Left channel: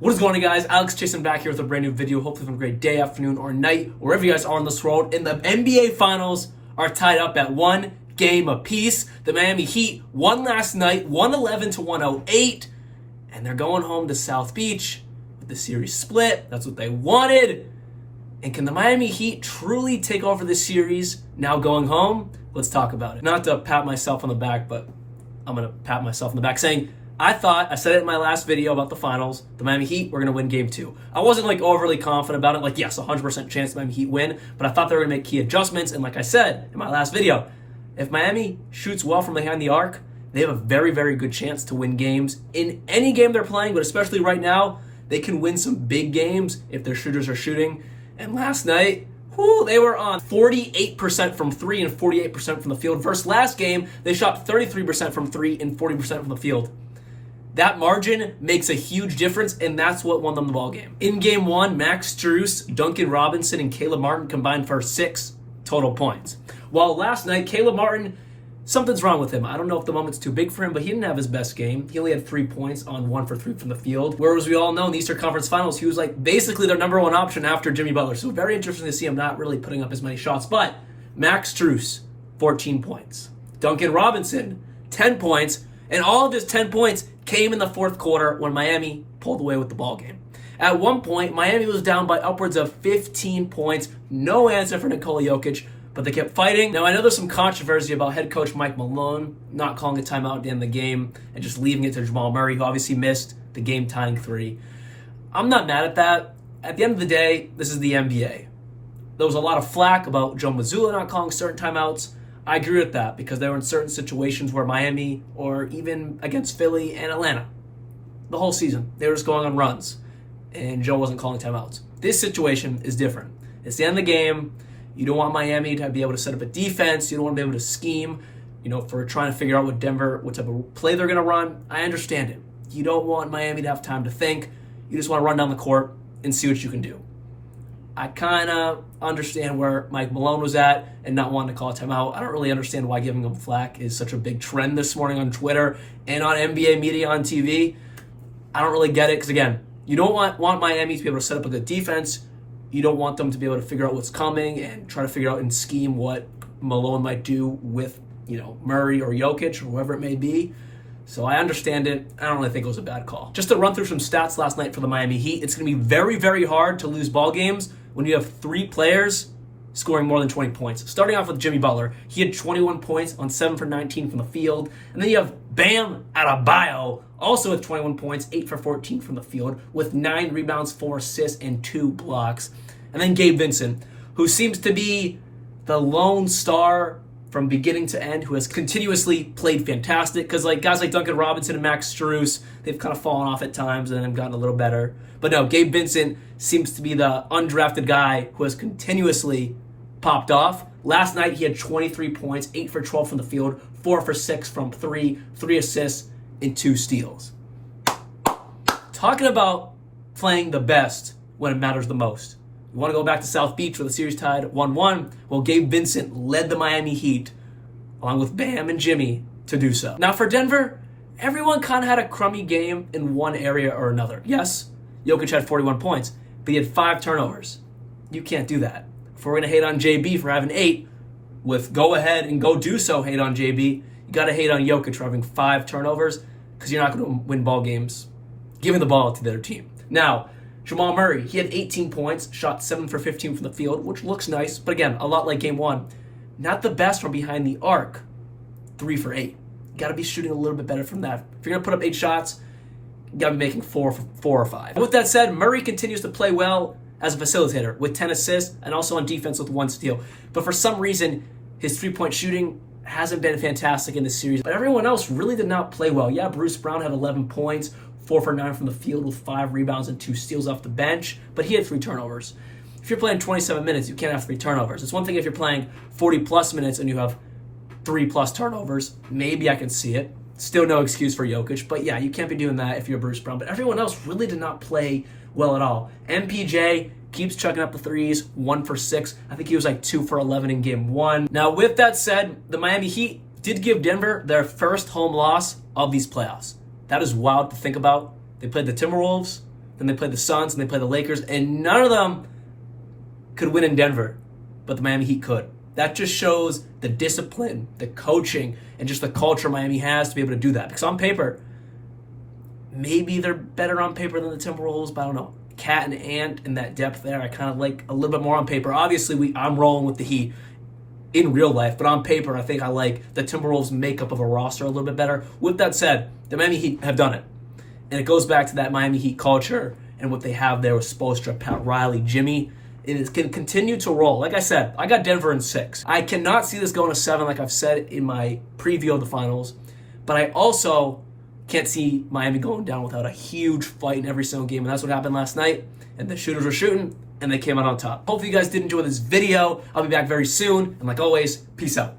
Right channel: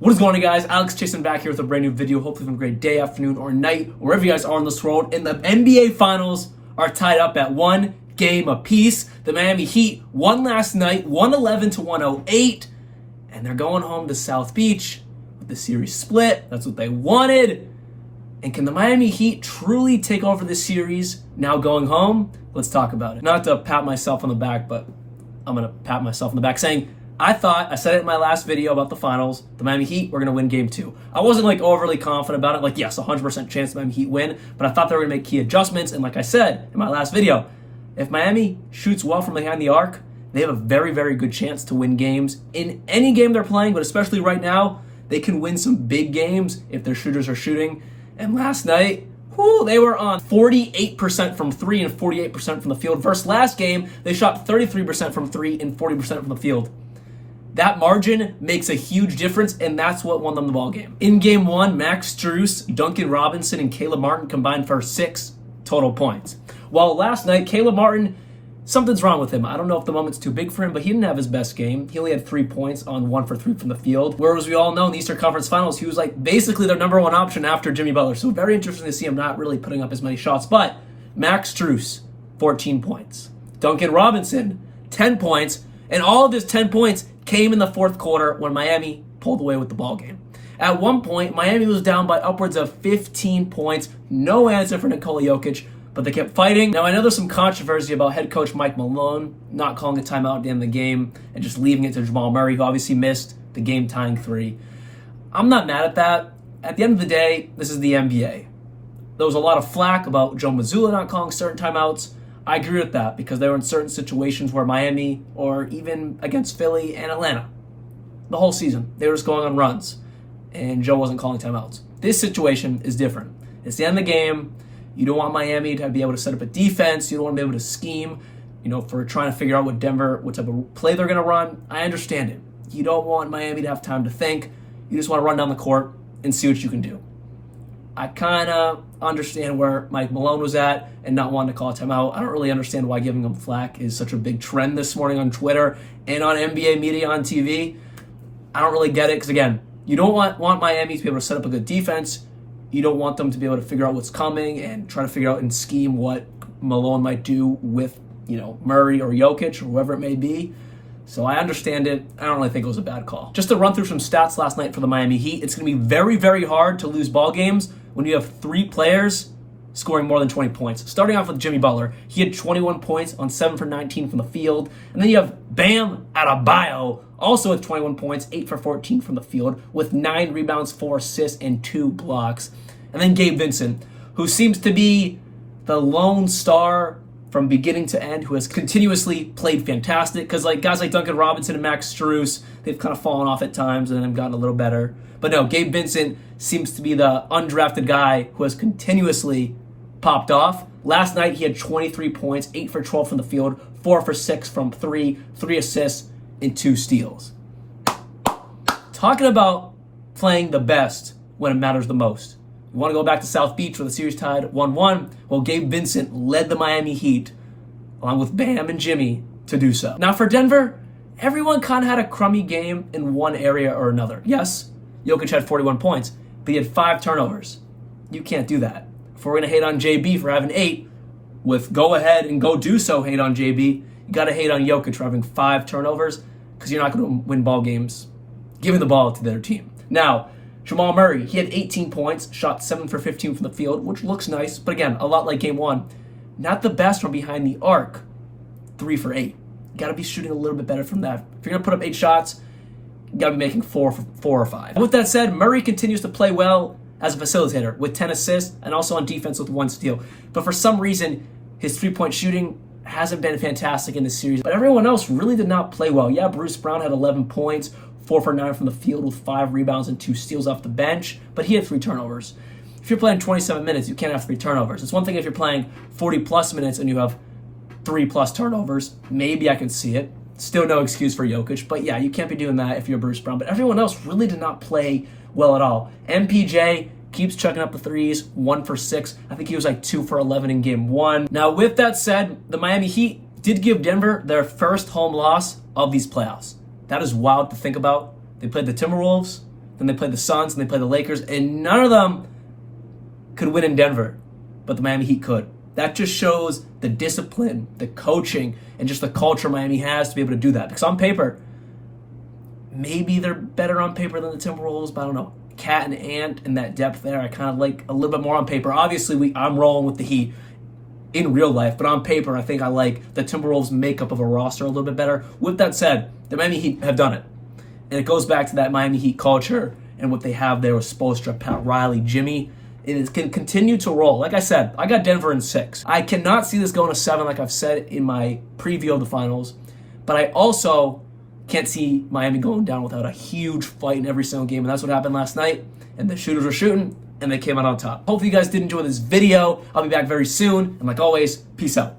What is going on, guys? Alex Chasen back here with a brand new video. Hopefully having a great day, afternoon, or night, wherever you guys are in this world. And the NBA Finals are tied up at 1 game apiece. The Miami Heat won last night, 111-108, and they're going home to South Beach with the series split. That's what they wanted. And can the Miami Heat truly take over this series now going home? Let's talk about it. Not to pat myself on the back, but I'm going to pat myself on the back saying, I said it in my last video about the finals, the Miami Heat were going to win game 2. I wasn't overly confident about it. Yes, 100% chance the Miami Heat win, but I thought they were going to make key adjustments. And like I said in my last video, if Miami shoots well from behind the arc, they have a very, very good chance to win games in any game they're playing, but especially right now, they can win some big games if their shooters are shooting. And last night, they were on 48% from 3 and 48% from the field. Versus last game, they shot 33% from 3 and 40% from the field. That margin makes a huge difference, and that's what won them the ball game. In game 1, Max Strus, Duncan Robinson, and Caleb Martin combined for 6 total points. While last night, Caleb Martin, something's wrong with him. I don't know if the moment's too big for him, but he didn't have his best game. He only had 3 points on 1 for 3 from the field. Whereas we all know in the Eastern Conference Finals, he was basically their number 1 option after Jimmy Butler. So very interesting to see him not really putting up as many shots. But Max Strus, 14 points. Duncan Robinson, 10 points. And all of his 10 points came in the fourth quarter when Miami pulled away with the ball game. At one point, Miami was down by upwards of 15 points. No answer for Nikola Jokic, but they kept fighting. Now, I know there's some controversy about head coach Mike Malone not calling a timeout at the end of the game and just leaving it to Jamal Murray, who obviously missed the game-tying 3. I'm not mad at that. At the end of the day, this is the NBA. There was a lot of flack about Joe Mazzulla not calling certain timeouts. I agree with that because they were in certain situations where Miami, or even against Philly and Atlanta, the whole season, they were just going on runs, and Joe wasn't calling timeouts. This situation is different. It's the end of the game. You don't want Miami to be able to set up a defense. You don't want to be able to scheme, for trying to figure out what type of play they're going to run. I understand it. You don't want Miami to have time to think. You just want to run down the court and see what you can do. I kind of understand where Mike Malone was at and not wanting to call a timeout. I don't really understand why giving him flack is such a big trend this morning on Twitter and on NBA media on TV. I don't really get it because, again, you don't want Miami to be able to set up a good defense. You don't want them to be able to figure out what's coming and try to figure out and scheme what Malone might do with, Murray or Jokic or whoever it may be. So I understand it. I don't really think it was a bad call. Just to run through some stats last night for the Miami Heat, it's going to be very, very hard to lose ball games when you have 3 players scoring more than 20 points. Starting off with Jimmy Butler, he had 21 points on 7 for 19 from the field. And then you have Bam Adebayo, also with 21 points, 8 for 14 from the field, with 9 rebounds, 4 assists, and 2 blocks. And then Gabe Vincent, who seems to be the lone star from beginning to end, who has continuously played fantastic. Because guys like Duncan Robinson and Max Strus, they've kind of fallen off at times and then have gotten a little better. But no, Gabe Vincent seems to be the undrafted guy who has continuously popped off. Last night, he had 23 points, 8 for 12 from the field, 4 for 6 from 3, 3 assists, and 2 steals. Talking about playing the best when it matters the most. You want to go back to South Beach where the series tied 1-1? Well, Gabe Vincent led the Miami Heat, along with Bam and Jimmy, to do so. Now for Denver, everyone kind of had a crummy game in one area or another. Yes, Jokic had 41 points, but he had 5 turnovers. You can't do that. If we're going to hate on JB for having 8, with go ahead and go do so hate on JB, you got to hate on Jokic for having 5 turnovers because you're not going to win ball games giving the ball to the other team. Now, Jamal Murray, he had 18 points, shot 7 for 15 from the field, which looks nice, but again, a lot like game 1. Not the best from behind the arc, 3 for 8. You got to be shooting a little bit better from that. If you're going to put up 8 shots, you got to be making 4 or 5. With that said, Murray continues to play well as a facilitator with 10 assists and also on defense with 1 steal. But for some reason, his 3-point shooting hasn't been fantastic in this series. But everyone else really did not play well. Yeah, Bruce Brown had 11 points, 4 for 9 from the field with 5 rebounds and 2 steals off the bench, but he had 3 turnovers. If you're playing 27 minutes, you can't have 3 turnovers. It's one thing if you're playing 40-plus minutes and you have 3-plus turnovers. Maybe I can see it. Still no excuse for Jokic, but yeah, you can't be doing that if you're Bruce Brown. But everyone else really did not play well at all. MPJ keeps chucking up the threes, 1 for 6. I think he was 2 for 11 in game 1. Now, with that said, the Miami Heat did give Denver their first home loss of these playoffs. That is wild to think about. They played the Timberwolves, then they play the Suns, and they play the Lakers, and none of them could win in Denver, but the Miami Heat could. That just shows the discipline, the coaching, and just the culture Miami has to be able to do that. Because on paper, maybe they're better on paper than the Timberwolves, but I don't know. Cat and Ant and that depth there, I kind of like a little bit more on paper. Obviously, I'm rolling with the Heat in real life, but on paper, I think I like the Timberwolves' makeup of a roster a little bit better. With that said, the Miami Heat have done it. And it goes back to that Miami Heat culture and what they have there with Spoelstra, Pat Riley, Jimmy. It can continue to roll. Like I said, I got Denver in 6. I cannot see this going to 7 like I've said in my preview of the finals, but I also can't see Miami going down without a huge fight in every single game, and that's what happened last night, and the shooters were shooting, and they came out on top. Hopefully you guys did enjoy this video. I'll be back very soon, and like always, peace out.